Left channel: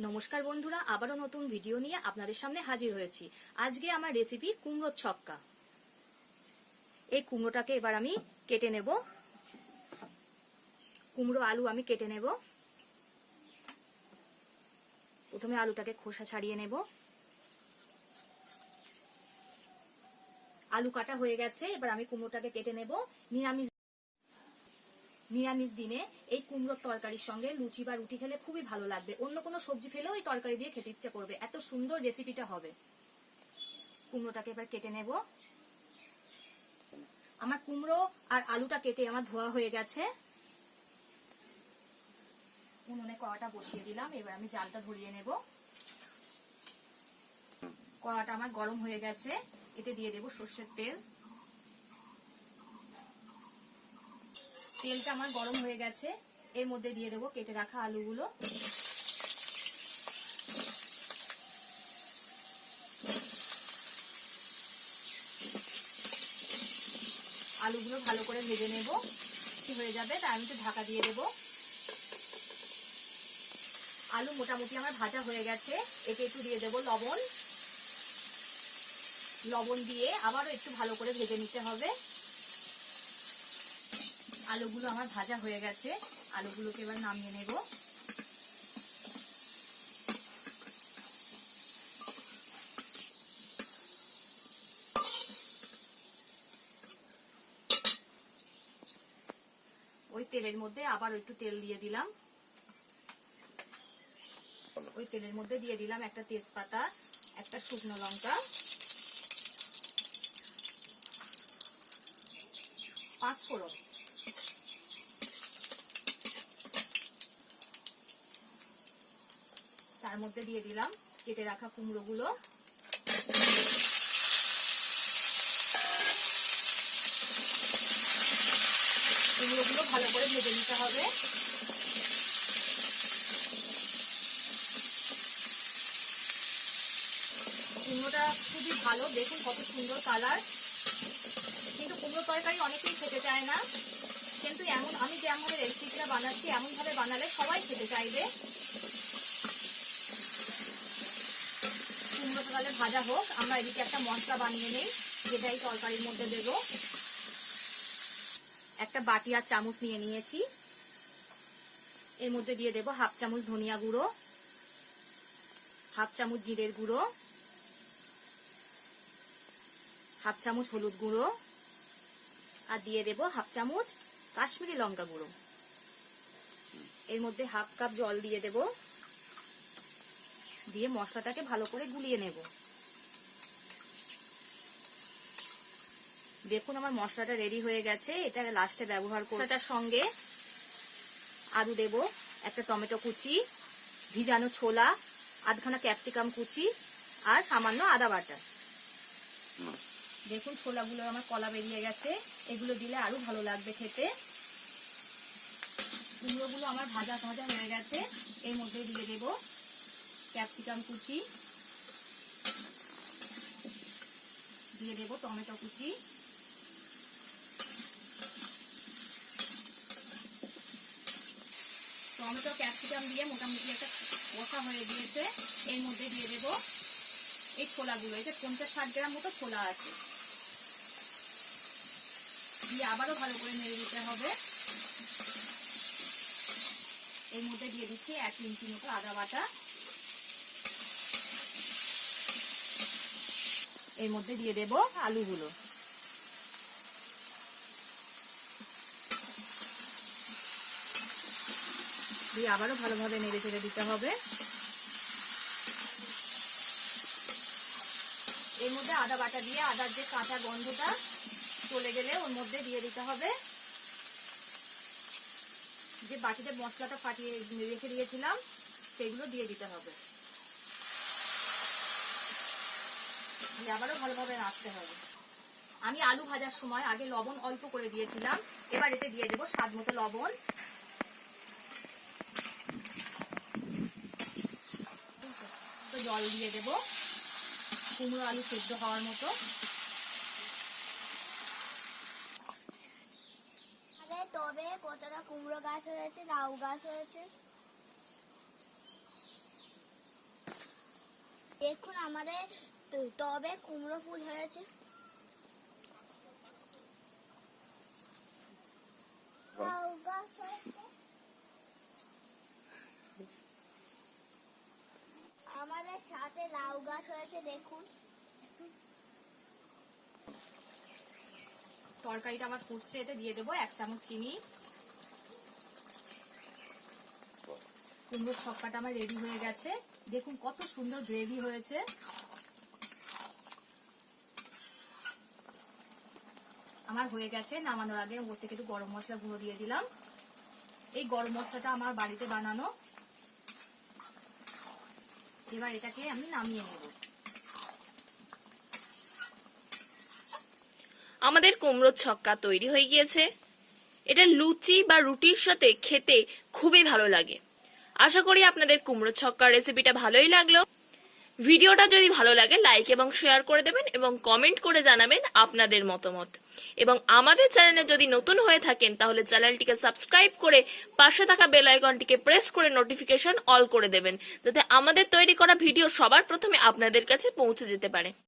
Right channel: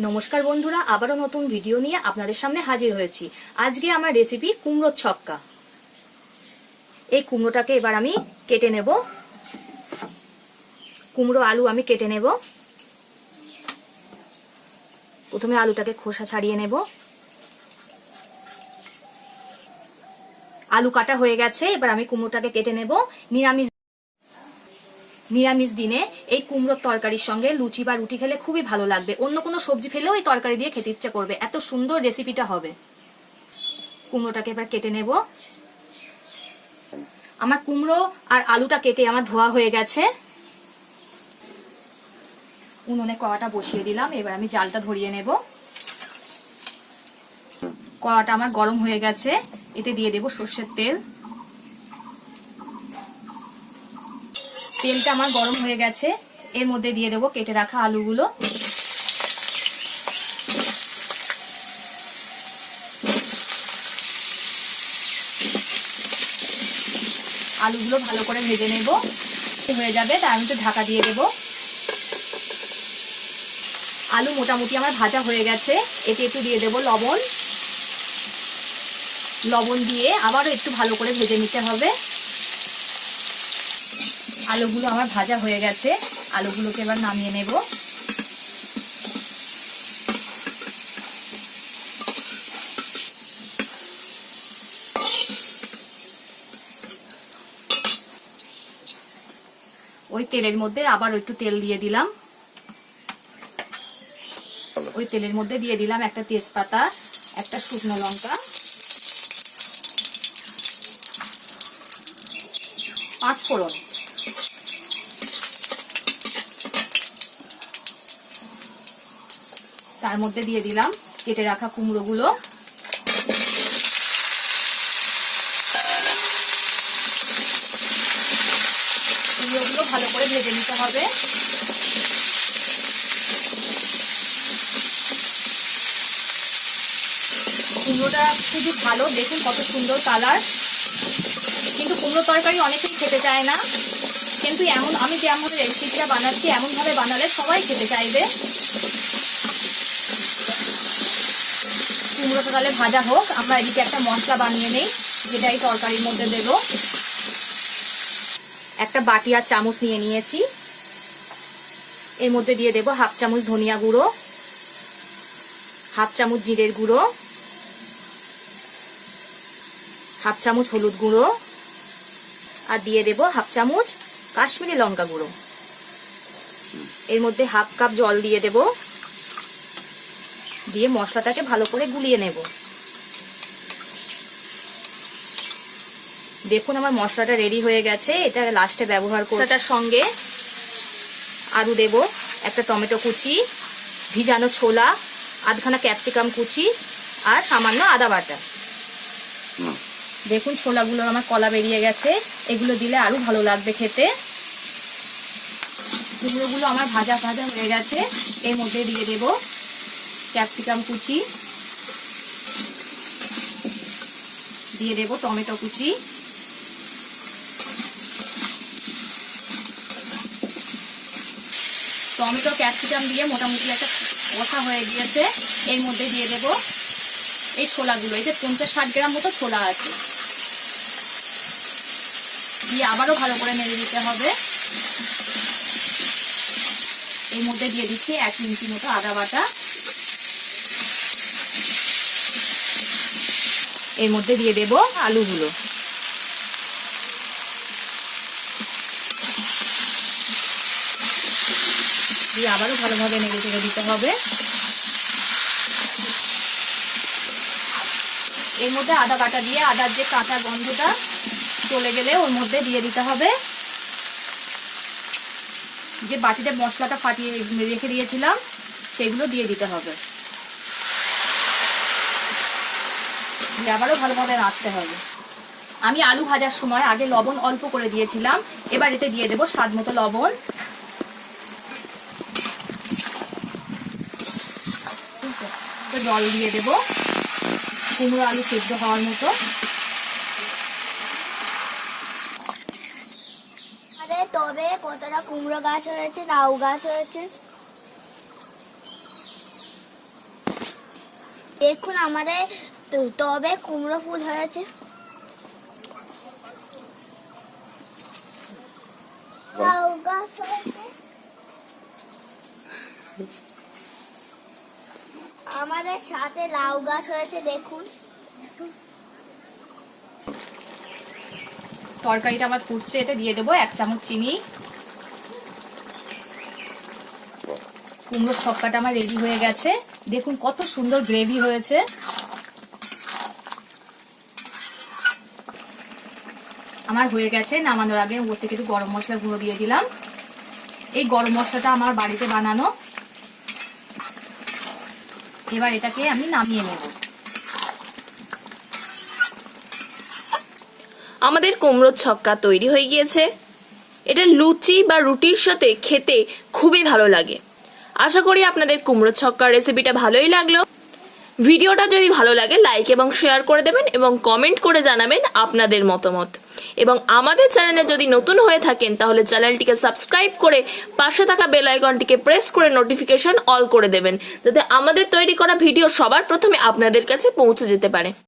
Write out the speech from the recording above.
নমস্কার বন্ধুরা, আবারও নতুন ভিডিও নিয়ে আপনাদের সামনে হাজির হয়েছি। আজকে আমার রেসিপি কুমড়োর ছক্কা। এই কুমড়োটাকে এবার আমি কেটে নেব। কুমড়ো আলু আমি কেটে নেব। প্রথমে আলুটাকে খোসা ছাড়িয়ে নেব। আলু কাটা হয়ে গেছে, এবার আমি কুমড়োটাকে কেটে নেব। নিরামিষ নিরামিষ দিনে এই কুমড়োর তরকারির সঙ্গে লুচি বা রুটি খেলে খুবই ভালো লাগবে। অন্য কোনো সবজি ফেলেও এই তরকারি দিয়ে খেতে ইচ্ছে করবে। এত সুন্দর রেসিপিটা হবে। কুমড়োটাকে এবার কেটে নেব। আমার কুমড়ো আর আলুটা কেটে আমার ধোয়া হয়ে গেছে। উনুনে কড়াটা বসিয়ে দিলাম। এবার আমি জালটা ধরিয়ে নেব। কড়াটা আমার গরম হয়ে গেছে। এতে দিয়ে দেব সর্ষের তেল। তেলটা আমার গরম হয়ে গেছে। এর মধ্যে দিয়ে দেবো কেটে রাখা আলুগুলো। আলুগুলো ভালো করে ভেজে নেব। হয়ে যাবে, তার আমি একটু ঢাকা দিয়ে দেব। আলু মোটামুটি আমার ভাজা হয়ে গেছে। এতে একটু দিয়ে দেব লবণ। লবণ দিয়ে আবারও একটু ভালো করে ভেজে নিতে হবে। আলুগুলো আমার ভাজা হয়ে গেছে। আলুগুলোকে এবার নামিয়ে নেব। ওই তেলের মধ্যে আবার একটু তেল দিয়ে দিলাম। ওই তেলের মধ্যে দিয়ে দিলাম একটা তেজপাতা, একটা শুকনো লঙ্কা। পাঁচ ফোড়ন তার মধ্যে দিয়ে দিলাম কেটে রাখা কুমড়োগুলো। কুমড়োগুলো ভালো করে ভেজে নিতে হবে। কুমড়োটা খুবই ভালো, দেখুন কত সুন্দর কালার। কিন্তু কুমড়ো তরকারি অনেকেই খেতে চায় না। কিন্তু এমন, আমি যেমন রেসিপিটা বানাচ্ছি, এমনভাবে বানালে সবাই খেতে চাইবে। কুমড়োটা তাহলে ভাজা হোক। আমরা এদিকে একটা মশলা বানিয়ে নেই যেটা এই তরকারির মধ্যে দেব। একটা বাটি আর চামচ নিয়ে নিয়েছি। এর মধ্যে দিয়ে দেব হাফ চামচ ধনিয়া গুঁড়ো, হাফ চামচ জিরের গুঁড়ো, হাফ চামচ হলুদ গুঁড়ো, আর দিয়ে দেব হাফ চামচ কাশ্মীরি লঙ্কা গুঁড়ো। এর মধ্যে হাফ কাপ জল দিয়ে দেব। দিয়ে মশলাটাকে ভালো করে গুলিয়ে নেব। দেখুন আমার মশলাটা রেডি হয়ে গেছে। এটা লাস্টে ব্যবহার করব এটার সঙ্গে আলু দেব একটা টমেটো কুচি ভিজানো ছোলা আধখানা ক্যাপসিকাম কুচি আর সামান্য আদা বাটা। দেখুন ছোলাগুলো আমার কলা বেরিয়ে গেছে। এগুলো দিলে আরও ভালো লাগবে খেতে। কুমড়োগুলো আমার ভাজা ভাজা হয়ে গেছে। এর মধ্যে দিয়ে দেব ক্যাপসিকাম কুচি। দিয়ে দেব টমেটো কুচি। টমেটো, ক্যাপসিকাম দিয়ে মোটামুটি একটা কষা হয়ে গিয়েছে। এর মধ্যে দিয়ে দেব এই ছোলাগুলো। এই যে পঞ্চাশ ষাট গ্রাম মতো ছোলা আছে। দিয়ে আবারও ভালো করে নেড়ে দিতে হবে। এর মধ্যে দিয়ে দিচ্ছি এক ইঞ্চি মতো আদা বাটা। এর মধ্যে দিয়ে দেব আলুগুলো। দিয়ে আবারও ভালোভাবে নেড়ে চেড়ে দিতে হবে। এর মধ্যে আদা বাটা দিয়ে আদার যে কাঁচা গন্ধটা চলে গেলে ওর মধ্যে দিয়ে দিতে হবে। যে বাটিতে মশলাটা ফাটিয়ে রেখে দিয়েছিলাম, সেগুলো দিয়ে দিতে হবে। আবারও ভালোভাবে রাখতে হবে। আমি আলু ভাজার সময় আগে লবণ অল্প করে দিয়েছিলাম। এবার এতে দিয়ে দেবো স্বাদ মতো লবণ। জল দিয়ে দেব। কুমড়ো আলু সেদ্ধ হওয়ার মতো। আরে, তবে কতটা কুমড়ো গাছ হয়েছে লাউ গাছ হয়েছে। দেখুন আমাদের তো- টবে কুমড়ো ফুল হয়েছে। আমাদের সাথে লাউ গাছ হয়েছে দেখুন। তরকারিটা আমার ফুটছে এতে দিয়ে দেবো এক চামচ চিনি। কুমড়োর ছক্কাটা আমার রেডি হয়ে গেছে। দেখুন কত সুন্দর গ্রেভি হয়েছে। আমার হয়ে গেছে, নামানোর আগে উপর থেকে একটু গরম মশলা গুঁড়ো দিয়ে দিলাম। এই গরম মশলাটা আমার বাড়িতে বানানো। এবার এটাকে আমি নামিয়ে নেব। আমাদের কুমড়োর ছক্কা তৈরি হয়ে গিয়েছে। এটা লুচি বা রুটির সাথে খেতে খুবই ভালো লাগে। আশা করি আপনাদের কুমড়ো ছক্কার রেসিপিটা ভালোই লাগল। ভিডিওটা যদি ভালো লাগে লাইক এবং শেয়ার করে দেবেন এবং কমেন্ট করে জানাবেন আপনাদের মতামত। এবং আমাদের চ্যানেলে যদি নতুন হয়ে থাকেন, তাহলে চ্যানেলটিকে সাবস্ক্রাইব করে পাশে থাকা বেল আইকনটিকে প্রেস করে নোটিফিকেশন অল করে দেবেন, যাতে আমাদের তৈরি করা ভিডিও সবার প্রথমে আপনাদের কাছে পৌঁছে যেতে পারে।